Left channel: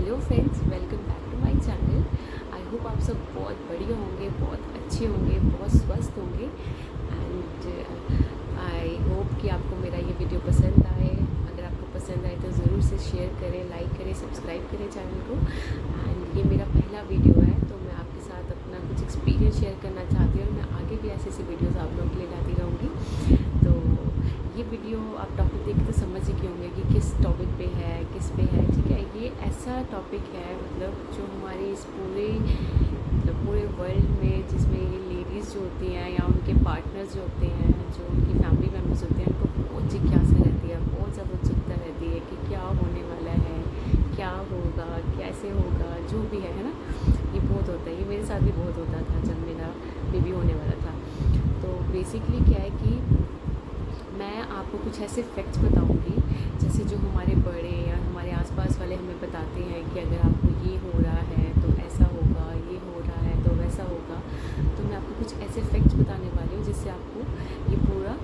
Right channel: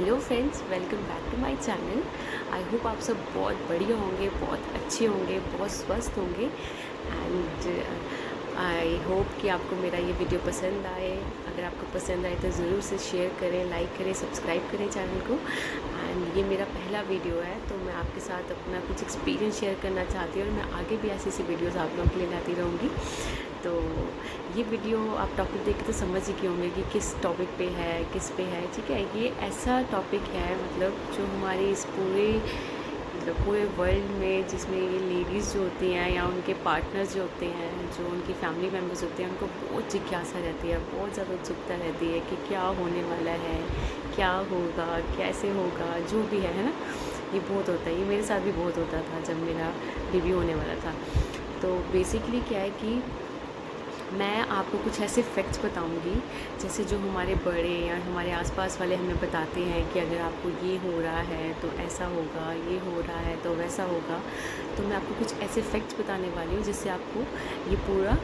Hello friends, welcome back to my channel. I hope आप सब बहुत बढ़िया होंगे, बहुत अच्छे होंगे, बहुत स्वस्थ होंगे एंड आई होप कि आपको मेरा ये वीडियो पसंद आए। अगर आपको पसंद आए तो ज़रूर से शेयर करें, लाइक करें, सब्सक्राइब करें चैनल को। एंड ये मेरा पहला वीडियो है तो मैं आपके साथ अपना कुछ एक्सपीरियंस शेयर करना चाहती हूँ और मैं आगे भी ऐसी ऐसी वीडियोज़ आप लोगों के लिए लाती रहूँगी। तो ये वीडियो आप टॉपिक देख के तो समझ ही गए होंगे कि किस टॉपिक पे है, किस पे है। ठीक है, ये ऐसा टॉपिक है मतलब जो हमारी इस पूरे वर्ल्ड में, जिसमें ये लेडीज़ जो होती हैं या उनके पार्टनर्स जो होते हैं, जो उनकी फैमिली मेम्बर्स होते हैं, उनको बहुत जिज्ञासा रहती है, बहुत ज़्यादा उत्सुकता रहती है कि क्या होने वाला है, क्या होगा, कैसे होगा, जो भी है ना। ये बहुत होता है, ये मेरे साथ भी बहुत होता था जब मेरा बेबी होने वाला था। तो बेसिकली क्या है कि मैं आपको कुछ ऐसे फैक्ट्स बताऊंगी जैसे जो हमारे बड़े या हमारे आसपास वाले हमें बताते हैं कि अगर आपको ये हो रहा है तो ऐसा होगा, ये हो रहा है तो वैसा होगा। तो मैं आपको कुछ ऐसे फैक्ट्स बताने वाली हूँ जिससे आपको ये पूरा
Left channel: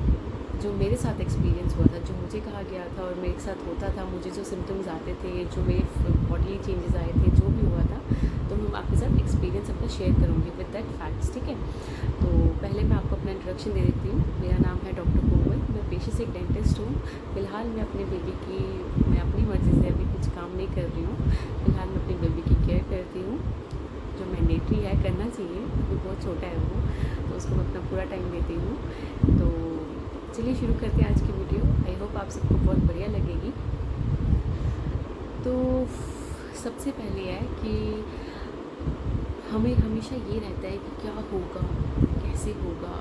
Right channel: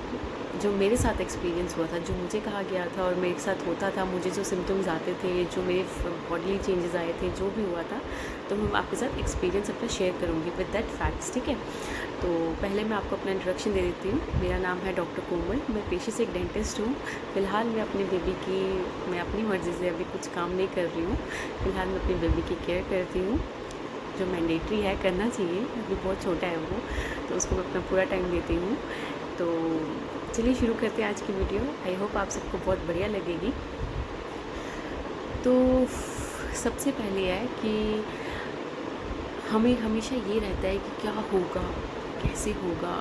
जो मेरे साथ एक्सपीरियंस हुआ था, जो मुझे कहा गया था और मेरे साथ होता था, मुझे जो सिम्टम्स आते थे, जो मेरे बॉडीली चेंजेस आए थे, जो भी हुआ था, तो मैं आपके साथ एक्सपीरियंस अपना शेयर करूँगी विद दैट फैक्ट्स। ठीक है, तो पहले मैं आपको अपना इंट्रोडक्शन दे देती हूँ। मेरा नाम है डॉक्टर कोमल। मैं पेशे से एक डेंटिस्ट हूँ। फ़िलहाल मैं अपने बेबी की, मैं अपनी मर्ज़ी से अभी कुछ काम नहीं कर रही हूँ। फ़िलहाल मैं अपनी बेबी की केयर करती हूँ, जो मैंडेटरी है, करना चाहिए। अभी बहुत छोटा है वो, तो उसको मैं अपना पूरा टाइम देती हूँ। तो चलिए शुरू करते हैं आज की वीडियो। आई होप आप सबको बहुत बढ़िया लगेगी। तो सबसे पहले है कि हमें हमेशा ये रहता है कि क्या होगा, कैसे होगा,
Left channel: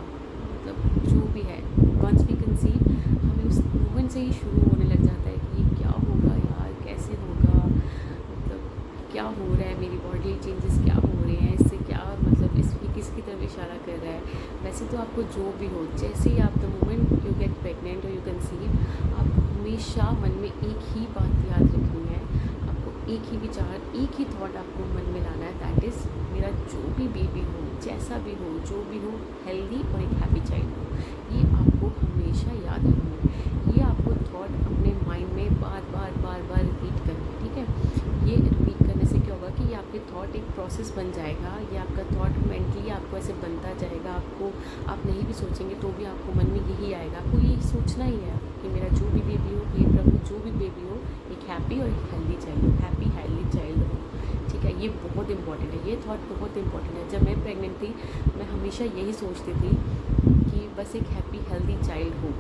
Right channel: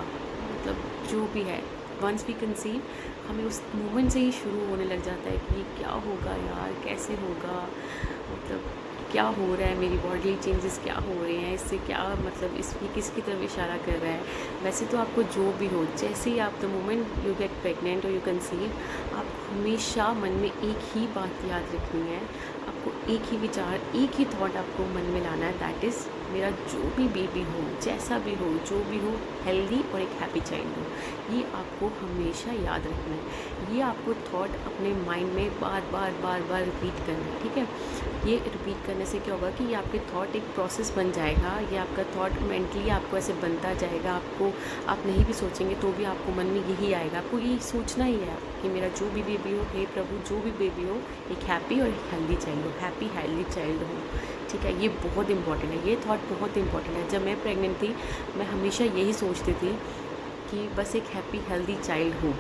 मतलब जो भी है, वंस वी कंसीव हमें उस मोमेंट से ही शुरू होने लग जाता है कि ये क्या होगा यार, कैसे होगा, मतलब क्या हो रहा है, मेरी बॉडी चेंजेस क्या हो रहे हैं, इससे क्या मतलब इसकी किसकी तरफ इशारा कर रहा है। वैसे तो आपको जो भी हो, जैसे ही आप the moment you get pregnant और यू कंसीव, आपको हमेशा मन में एक ही बात याद रखनी है, आपको एक ही विचार, एक ही थॉट आपको मन में लाना है, दैट इज़ मेरा जो भी बेबी हो, जैसा भी हो, जो भी हो, हेल्दी और एक हैप्पी चाइल्ड हो। ये आपको हमेशा याद रखना है। ये आपको थॉट अपने माइंड में बार बार रिपीट करना है। ठीक है, ये रिपीट करने से क्या होगा कि ये आपके थॉट एक प्रोसेस बन जाएगा। ये आपका थॉट मेंटली आपको ऐसे बनता जाएगा। आपको, आप नहीं भी सोचेंगे तो भी आपको मन में यही आएगा। आपको यही सोचना ही है कि मेरा जो भी बेबी हो, हे प्रभु, जो भी बेबी हो, एक हैप्पी और एक हेल्दी चाइल्ड हो, हैप्पी हेल्दी चाइल्ड हो। ठीक है, ये बहुत इंपॉर्टेंट है, ये थॉट बहुत इंपॉर्टेंट है। जब मैं प्रेग्नेंट थी, मैं हमेशा यही सोचती थी कि बस एक हैप्पी हेल्दी चाइल्ड हो,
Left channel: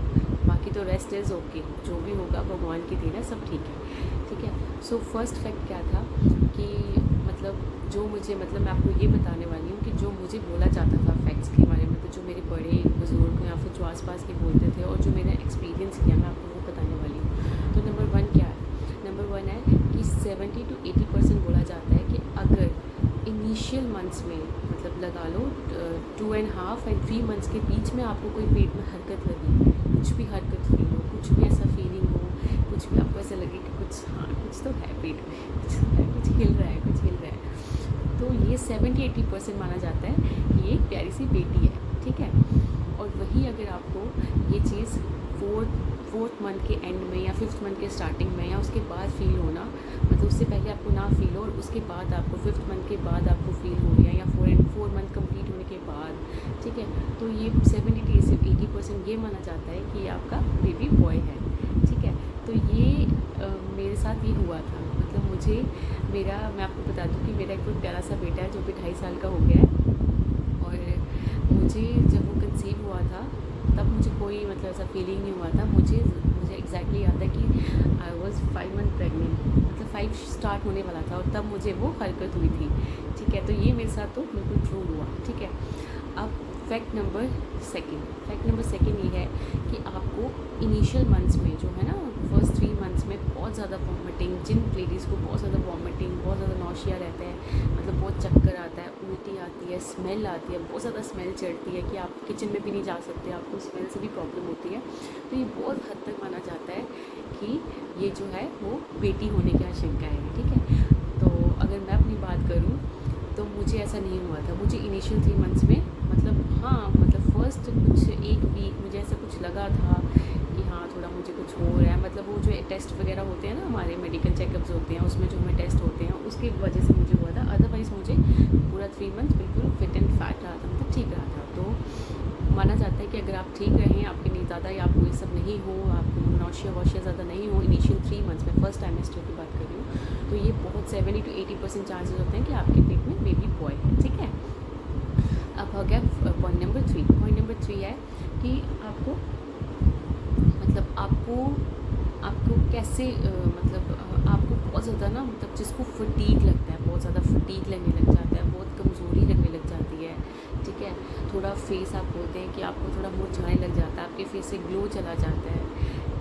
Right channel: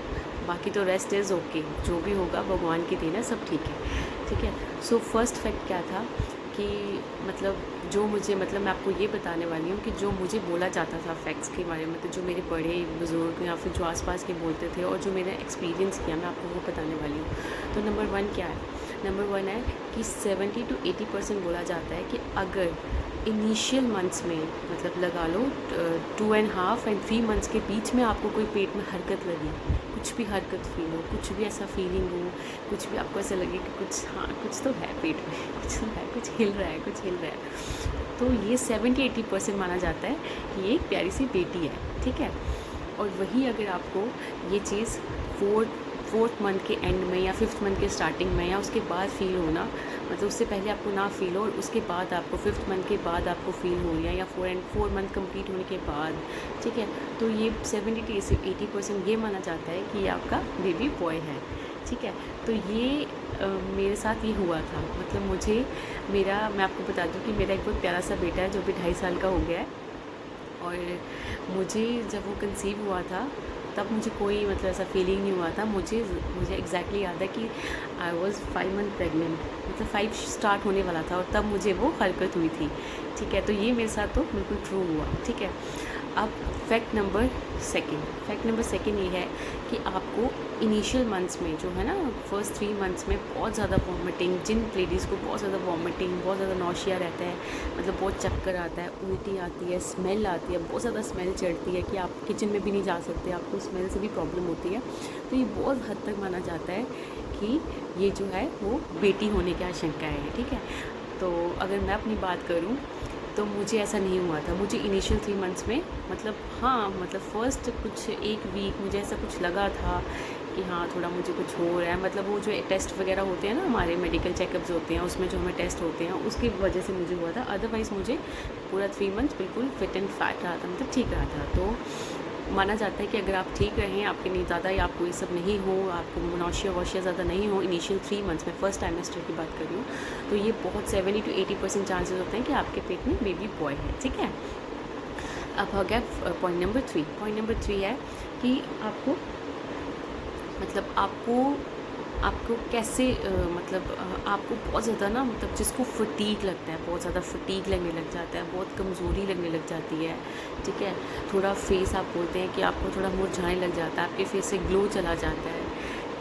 बाकी तो रेस्ट इज़ ओके, जो भी होगा भगवान की देन है, सब ठीक है। ठीक है, सो फर्स्ट फैक्ट क्या था कि मतलब जो मुझे, मतलब मैं आपको ये बताने वाली हूँ कि जो मुझे बोला जाता था फैक्ट्स के बारे में, तो जो मेरे बड़े बुज़ुर्ग या फिर जो आसपास के बोलते थे और जो मैंने एक्सपीरियंस किया, मैं आपको वो बताने वाली हूँ। तो नंबर वन क्या है? नंबर वन है कि 70 to 80% बोला जाता है कि अगर इनिशियल मंथ्स में, मतलब लगा लो 2.5 and 3 मंथ्स के बीच में आपको कोई पेट में हरकत लगी, कुछ भी हरकत फील हो, कुछ भी ऐसा फीलिंग हो, कुछ भी आपको ऐसा लगे कि कुछ, हाँ कुछ तो है पेट में, कुछ तो है, कुछ हिल रहा है, कुछ हिल रहा है, तो ये 70-80% माना जाता है कि ये एक प्यारी सी बेटी है। ठीक है, और वही अगर आपको ये चीज़ फोर्थ मंथ के एंड में या फिफ्थ मंथ के स्टार्टिंग में या उसके बाद फील होना, मतलब उससे पहले आपको ना फील हो और उसके बाद आपको फिफ्थ मंथ के बाद आपको फील हो रही है, या 4 मंथ कंप्लीट होने के बाद, ठीक है, तो ये 70 से 80% ये माना जाता है कि ये आपका बेबी बॉय है। ठीक है, तो ये मेरे साथ ये हुआ था। मतलब मैं आपको बता दूँ कि मेरा एक बहुत प्यारा सा बेटा है जो भी 2.5 साल का हो गया है। और मुझे जब वो कंसीव हुआ था तब मुझे कोई मतलब ऐसा फीलिंग नहीं हुआ था। मुझे एग्जैक्टली याद है कि आई वॉज़ 5 मंथ प्रेग्नेंट, मतलब 5 स्टार्ट होने वाला था और तब मुझे वो हरकत हुई थी। ठीक है, तो ये मेरे साथ तो बिल्कुल ट्रू हुआ। ठीक है, अब फैक्ट नंबर सेकेंड ये है कि आपको इनिशियल मंथ्स में जो है ना, फर्स्ट 3 मंथ्स में बहुत ज़्यादा वॉमिटिंग, जिन लेडीज़ को बहुत ज़्यादा वॉमिटिंग, बहुत ज़्यादा नौशिया रहता है, मतलब बहुत चक्कर आता है, उल्टी आती है, स्मेल आती है, बहुत ज़्यादा स्मेल चढ़ती है कि आप किचन में भी नहीं जा सकते, आपको स्मेल से भी प्रॉब्लम होती है। तो ये बहुत हद तक माना जाता है कि ये जो है वो बेटी होने की आशंका है। ठीक है, तो अगर मैं अपनी बात करूँ तो मुझे ऐसा नहीं हुआ था। मुझे इनिशियल 3 मंथ्स में मतलब हाँ, मतलब फ़र्स्ट कुछ 1 वीक मुझे ऐसा कुछ लगा था कि हाँ, थोड़ा मुझे कुछ हो रहा है। मतलब वो जो टेस्ट वगैरह होते हैं ना, हमारे मेडिकल चेकअप्स होते हैं, उसमें जो हमें टेस्ट होते हैं, उसकी वजह से मुझे हुआ था। अदरवाइज़ मुझे पूरा 3 मंथ्स बिल्कुल फिट एंड फैट रहा था, मतलब ठीक रहा था। तो माना जाता है कि अगर आप ठीक रहें, आपके नहीं ज़्यादा या आपको ये सब नहीं हो, आपको नौशिया वौशिया ज़्यादा नहीं हो इनिशियल 3 मंथ्स में, फर्स्ट टाइमेस्टर की बात कर रही हूँ, तो ये बहुत 70 to 80% चांसेस होते हैं कि आपके पेट में बेबी बॉय है। ठीक है, अब हो गया पॉइंट नंबर 3। पॉइंट नंबर 3 है कि आपको मतलब आपको कैसे आपको बहुत ज़्यादा ना, मतलब जिसको फटीग लगता है, बहुत ज़्यादा फटीग लगने लग जाता है, बहुत कमज़ोरी लगने लग जाती है। ठीक है, थोड़ा फेस आप बोलते हैं कि आपको थोड़ा मुरझाने लग जाता है, आपके फेस से ग्लो चला जाता है।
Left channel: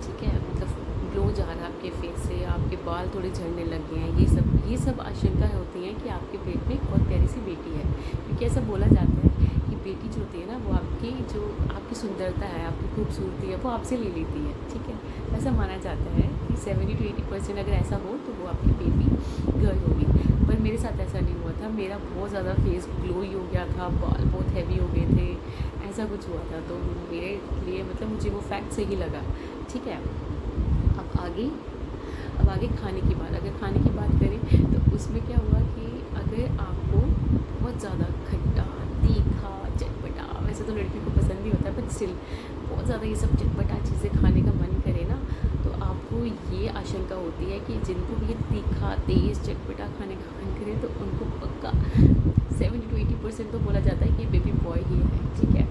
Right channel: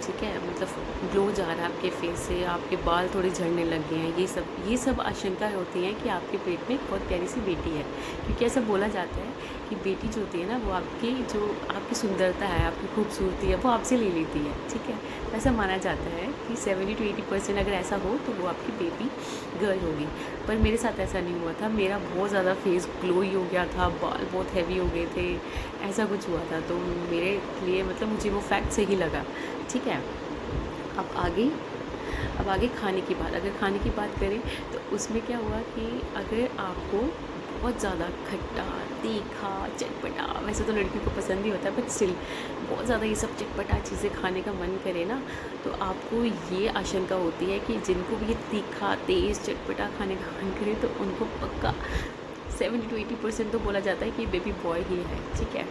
ठीक है, मतलब ग्लो जा रहा है आपके फेस से, आपके बाल थोड़े झड़ने लग गए हैं। ये सब आशंका होती हैं कि आपके पेट में एक बहुत प्यारी सी बेटी है, क्योंकि ऐसा बोला जाता है कि बेटी जो होती है ना, वो आपकी सुंदरता है, आपकी खूबसूरती है, वो आपसे ले लेती है। ठीक है, ऐसा माना जाता है कि 70 to 80% अगर ऐसा हो तो वो आपकी बेबी गर्ल होगी। पर मेरे साथ ऐसा नहीं हुआ था। मेरा बहुत ज़्यादा फेस ग्लोई हो गया था, बाल बहुत हैवी हो गए थे, ऐसा कुछ हुआ था। तो मेरे लिए मतलब मुझे वो फैक्ट सही लगा। ठीक है, अब आगे खाने की बात, अगर खाने की बात करें तो उसमें क्या हुआ कि अगर आपको बहुत ज़्यादा खट्टा, तीखा, चटपटा, वैसे तो लड़कियों को पसंद ही होता है, बट स्टिल बहुत ज़्यादा ये सब चटपटा चीज़ें खाने का मन करे ना, तो आपको ये आशंका होती है कि जिनको भी ये तीखा, तेज़, चटपटा खाने का मन करे तो उनको पक्का 70 to 80% तो बोला जाता है कि बेबी बॉय ही है। ठीक है,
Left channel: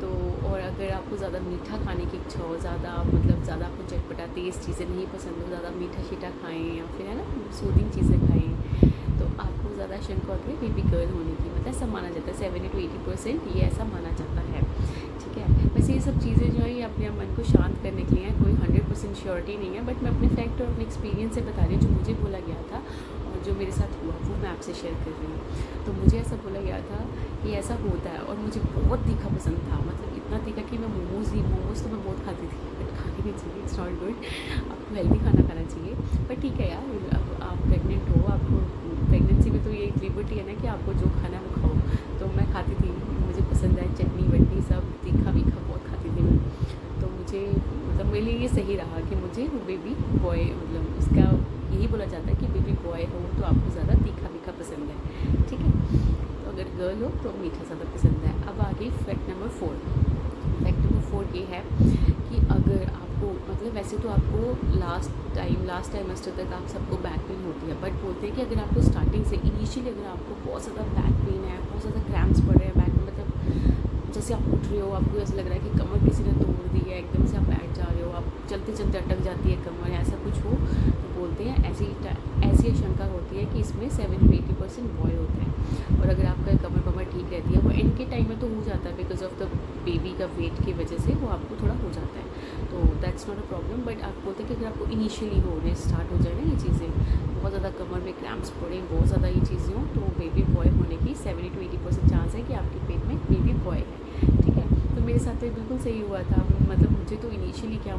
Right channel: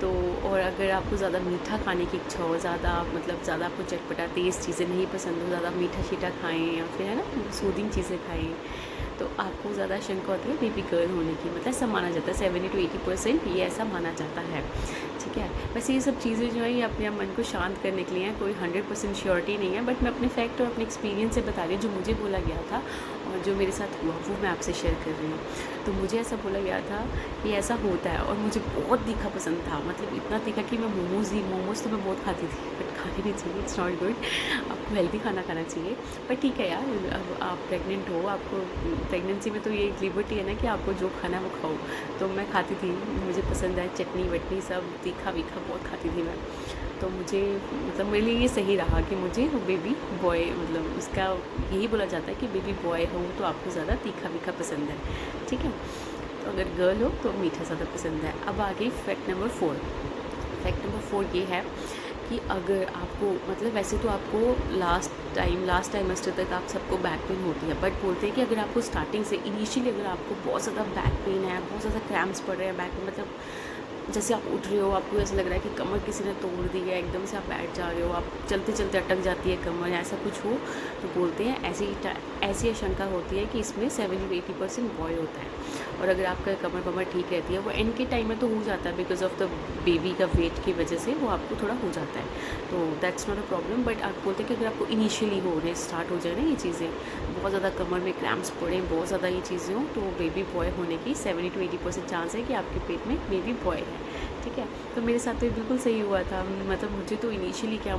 तो और अगर आपको ज़्यादा मीठा खाने की इच्छा हो, ज़्यादा आपको चटपटा तेज़ चीज़ें नहीं पसंद हो, ज़्यादा मीठा शीठा खाएँ या फिर है ना सूदिंग चीज़ें खाएँ, तो आपको ज़्यादा शंका होती है बेबी गर्ल होने की। मतलब ऐसा माना जाता है 70 to 80% ये ऐसा माना जाता है। ठीक है, वैसे ये सब चीज़ें जो है ये अपने मन को शांत करने के लिए हैं, कोई 100% श्योरिटी नहीं है, बट मैं अपने फैक्ट और अपने एक्सपीरियंस से बता रही हूँ, जो मुझे बोला गया था और जो मेरे साथ हुआ वो मैं आपसे शेयर कर रही हूँ। तो मुझे ऐसा बोला गया था कि ऐसा होता है, और मुझे बहुत तीखा पसंद था, मतलब इतना तीखा कि मैं मोमोज़ तो मैं बहुत खाती थी, बट खाने नहीं चाहिए, इट्स नॉट गुड। आपको हेल्दी खाना खाना चाहिए। पर ठीक है यार, अब आप प्रेग्नेंट हो, आपको प्रेगनेंसी में तो ये एक लिबर्टी है ना कि आपको जो खाना है वो खाओ। तो मैं खाती थी, मुझे पसंद है चटनी वटनी सब, तीखा वीखा बहुत खाती थी मैं। तो मुझे मतलब मेरे लिए ये सही रहा कि मुझे वो बेबी बॉय, मतलब उसका यही बोला जाता है कि बेबी बॉय हो तो आपको ज़्यादा तीखा वीखा पसंद है। ठीक है, तो अगर गर्ल हो तो मीठा ज़्यादा पसंद है। अब आगे फैक्ट नंबर 4। फैक्ट नंबर 4 ये है कि अगर आपको मतलब वैसे तो आपको लास्ट टाइमेस्टर तक आप सबको बैक पेन होती है, बट बोलते हैं कि अगर आपको स्टार्टिंग से इनिशियली अगर आपको बहुत ज़्यादा बैक पेन है, बहुत ज़्यादा क्रैम्प्स पड़ रहे हैं बैक में, मतलब जैसे आप उठ रहे हो, आपको ऐसा लग रहा है कि कमर किसी ने तोड़ दी है, एकदम से आप बैठ जा रहे हो, आप चलते चलते अटक जाती है कमर, ऐसा कुछ हो तो बोलते हैं ऐसी आशंका होती है कि इसमें 70 to 80% बॉय होता है। और अगर आपका कमर ठीक रहती है, वो एंड के टाइम में तो हो जाता है, बिकॉज ऑफ द बेबी का वेट की वजह से वो आपको थोड़ा हो जाता है, तो that's not a problem. But आप बोलते हैं कि अगर आपको इनिशियली होने स्टार्ट हो जाए ना ये चीज़ें, बहुत ज़्यादा कमर में क्रैम्प्स पड़े, बहुत ज़्यादा ये चीज़ें हों, तो बेबी बॉय होने की 70 to 80% चांस है कि आपके पेट में बेबी बॉय है। ठीक है, तो मेरे साथ तो ये बिल्कुल सही हुआ था। मतलब मुझे तो इनिशियली क्या,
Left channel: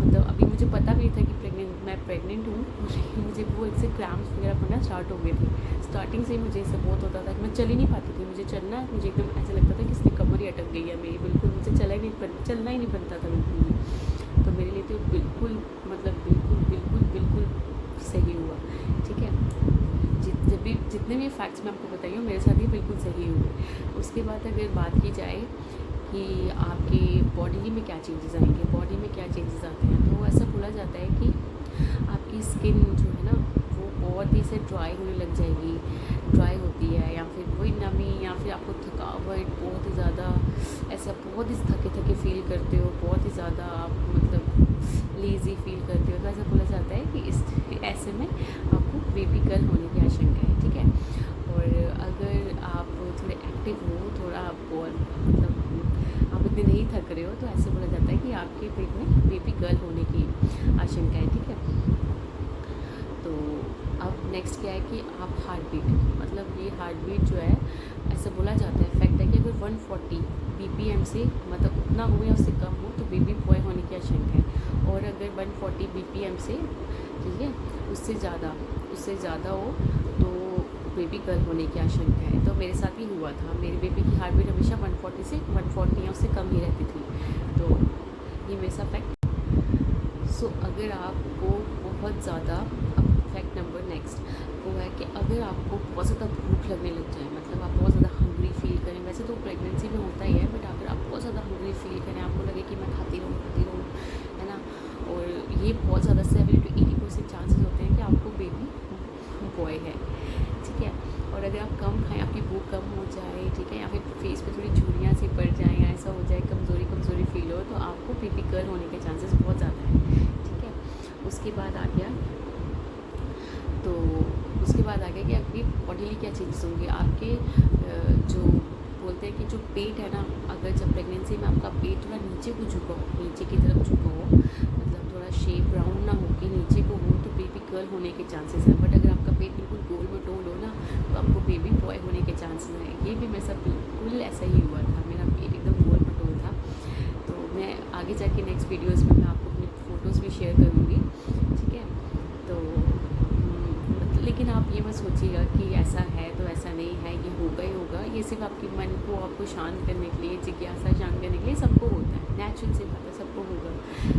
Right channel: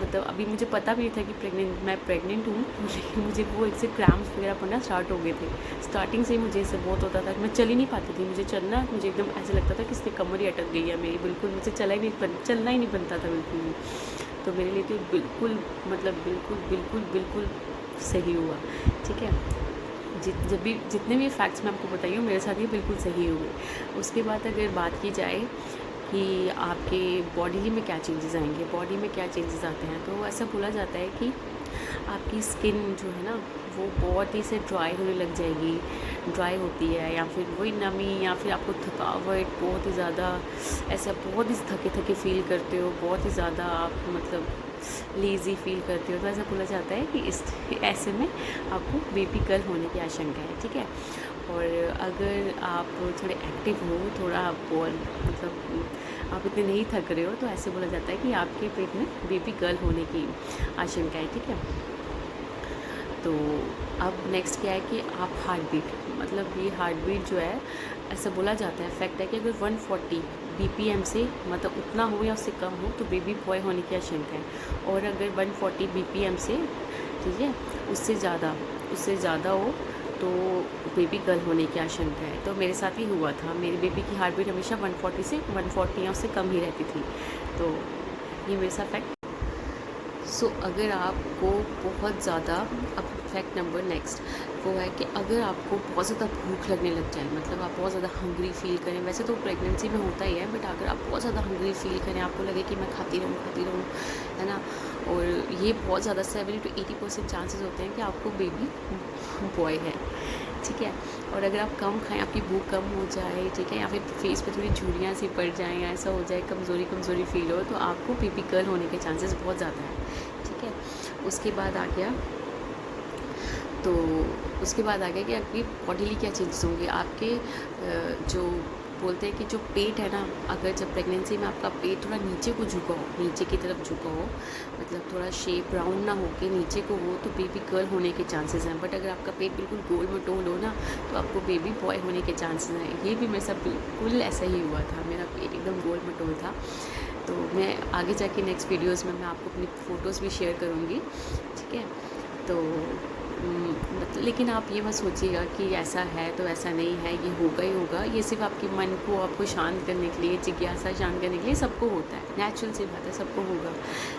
मतलब अभी मुझे पता भी नहीं था कि मैं प्रेग्नेंट हूँ, लेकिन मुझे वो एक से क्रैम्प्स वगैरह पड़ना स्टार्ट हो गए थे। स्टार्टिंग से ही मुझे इससे बहुत होता था कि मैं चल ही नहीं पाती थी, मुझे एकदम ऐसा लगता था कि इसकी कमर ही अटक गई है मेरी, बिल्कुल मुझे चलना ही नहीं बनता था बिल्कुल भी। तो मेरे लिए तो बिल्कुल मतलब बिल्कुल सही हुआ। ठीक है, जितने भी फैक्ट्स मैं आपको बताई हूँ मेरे साथ ये बिल्कुल सही हुए। उसके बाद अगर बात की जाए कि आपके बॉडी में क्या चेंजेस आएंगे, बॉडी में क्या चेंजेस आते हैं, तो ऐसा बोला जाता है कि आपकी स्किन जो है ना वो बहुत ही से ड्राई होने लग जाएगी, ड्राई होती है, या फिर वही नमी, या फिर आपको थकावट बहुत ही ज़्यादा, ऐसा बहुत ही थके फील करते हो, बहुत ही ज़्यादा आप मतलब लेज़ी फील करते हो। तो ऐसा बोला जाता है कि ऐसे में आपको बेबी गर्ल होने की आशंका है। ठीक है, और अगर आप थोड़े एक्टिव हो, थोड़ा बॉल मतलब आप इतने नहीं थक रहे हो, तो ऐसे बोला जाता है कि आपके पेट में बेबी गर्ल होने की आशंका है। ठीक है, तो अब नेक्स्ट क्या है कि आप हार्ट बीट, मतलब ये हार्ट बीट जो है, ऐसा बोला जाता है, फैक्ट है कि अगर 140 BPM से मतलब उतना हो या उससे कम हो तो बेबी बॉय होने की आशंका है। और अगर 140 BPM से, ठीक है, उससे ज़्यादा हो तो बेबी गर्ल होने की आशंका है। तो मेरे साथ ही हुआ था, मेरी बेबी की हार्ट बीट हमेशा 140 से 140 या उससे कम ही रहती थी। तो ये मेरे साथ फैक्ट। सो अगर आपको बहुत ज़्यादा, अब फैक्ट नंबर नेक्स्ट वो है कि अगर आपको बहुत ज़्यादा भूख लगने लग जाए, मतलब आप बहुत ज़्यादा हंग्री फील करें, वैसे तो प्रेगनेंसी में होता ही है, बट अगर आप बहुत ज़्यादा हंग्री फील करें, आपको लगे कि मैं खाती रहूँ, है ना, और ये बहुत ज़्यादा 70 to 80% चांसेस होते हैं कि आपको बेबी बॉय है, ठीक है। और अगर आप कम खाएं, आपकी भूख कम हो जाए, ठीक है, या फिर फेस पे थोड़ी झुर्रियाँ सी पड़ जाएं, या ऐसा हो जाए कमज़ोरी फील हो, तो आपको बेबी गर्ल होने के चांसेस बहुत ज़्यादा हैं, ठीक है। उसके बाद आ गया कि आपकी बॉडीली क्या चेंजेस होंगे, आपके जो बोलते हैं कि जो पेट है ना, अगर जब प्रेगनेंसी में आपका पेट थोड़ा नीचे को झुका हो, नीचे की तरफ झुका हो, मतलब थोड़ा शेप राउंड ना हो के नीचे को हो, तो बेबी गर्ल होने के चांसेस हैं। बट अगर आपका पेट बिल्कुल गोल मटोल हो ना, तो आपको बेबी बॉय होने के चांसेस हैं। ये भी मेरे साथ बिल्कुल ऐसा ही हुआ था, मेरा पेट एकदम गोल मटोल था। तो मैं आगे जाके नेक्स्ट वीडियोज़ में मैं आपको अपनी फ़ोटोज़ भी शेयर करूँगी, ठीक है। तो लेकिन आप ये मत सोचिएगा कि ऐसा है तो ऐसा नहीं है, ये होगा ही होगा। ये सिर्फ आपके मन को आपको शांत करने के लिए, जिज्ञासा शांत करने के लिए, सबको होता है, नेचुरल सी बात है, सबको होगा।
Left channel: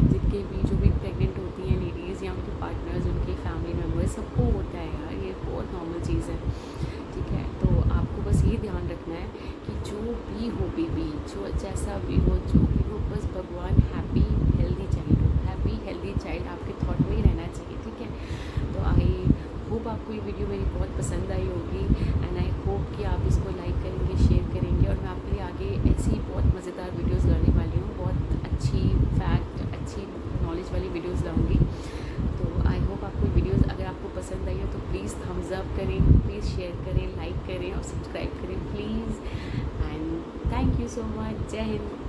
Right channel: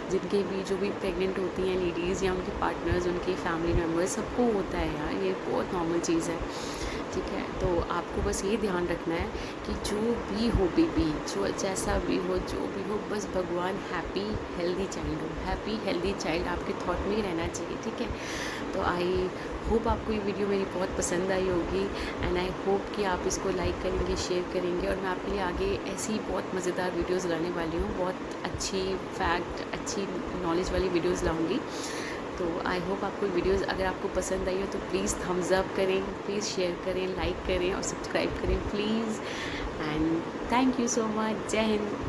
जिनके भी जो भी प्रेग्नेंट होती हैं लेडीज़ या उनके पार्टनर्स, उनके फैमिली मेम्बर्स, सबको होता है यार, ये बहुत नॉर्मल चीज़ है, ठीक है। तो आपको बस ये ध्यान रखना है कि जो भी हो बेबी, जो जैसा भी हो, जो भी हो, बस भगवान हैप्पी हेल्दी चाइल्ड हो, हैप्पी हेल्दी चाइल्ड आपके थॉट में ही रहना चाहिए, ठीक है। तो आई होप आपको ये वीडियो मेरी बहुत पसंद आई होगी, एंड आई होप कि आप इसको लाइक करेंगे, शेयर करेंगे, और मैं आपके लिए आगे ऐसी बहुत मज़ेदार वीडियोस लाने वाली हूँ, बहुत अच्छी फैक्ट, अच्छी नॉलेज वाली वीडियोस लाऊंगी। तो आई होप आपको वीडियोस अगर आपको पसंद आई हो तो प्लीज़ थम्स अप करें, प्लीज़ शेयर करें, लाइक करें और सब्सक्राइब करें please. And thank you so much. जय हिंद।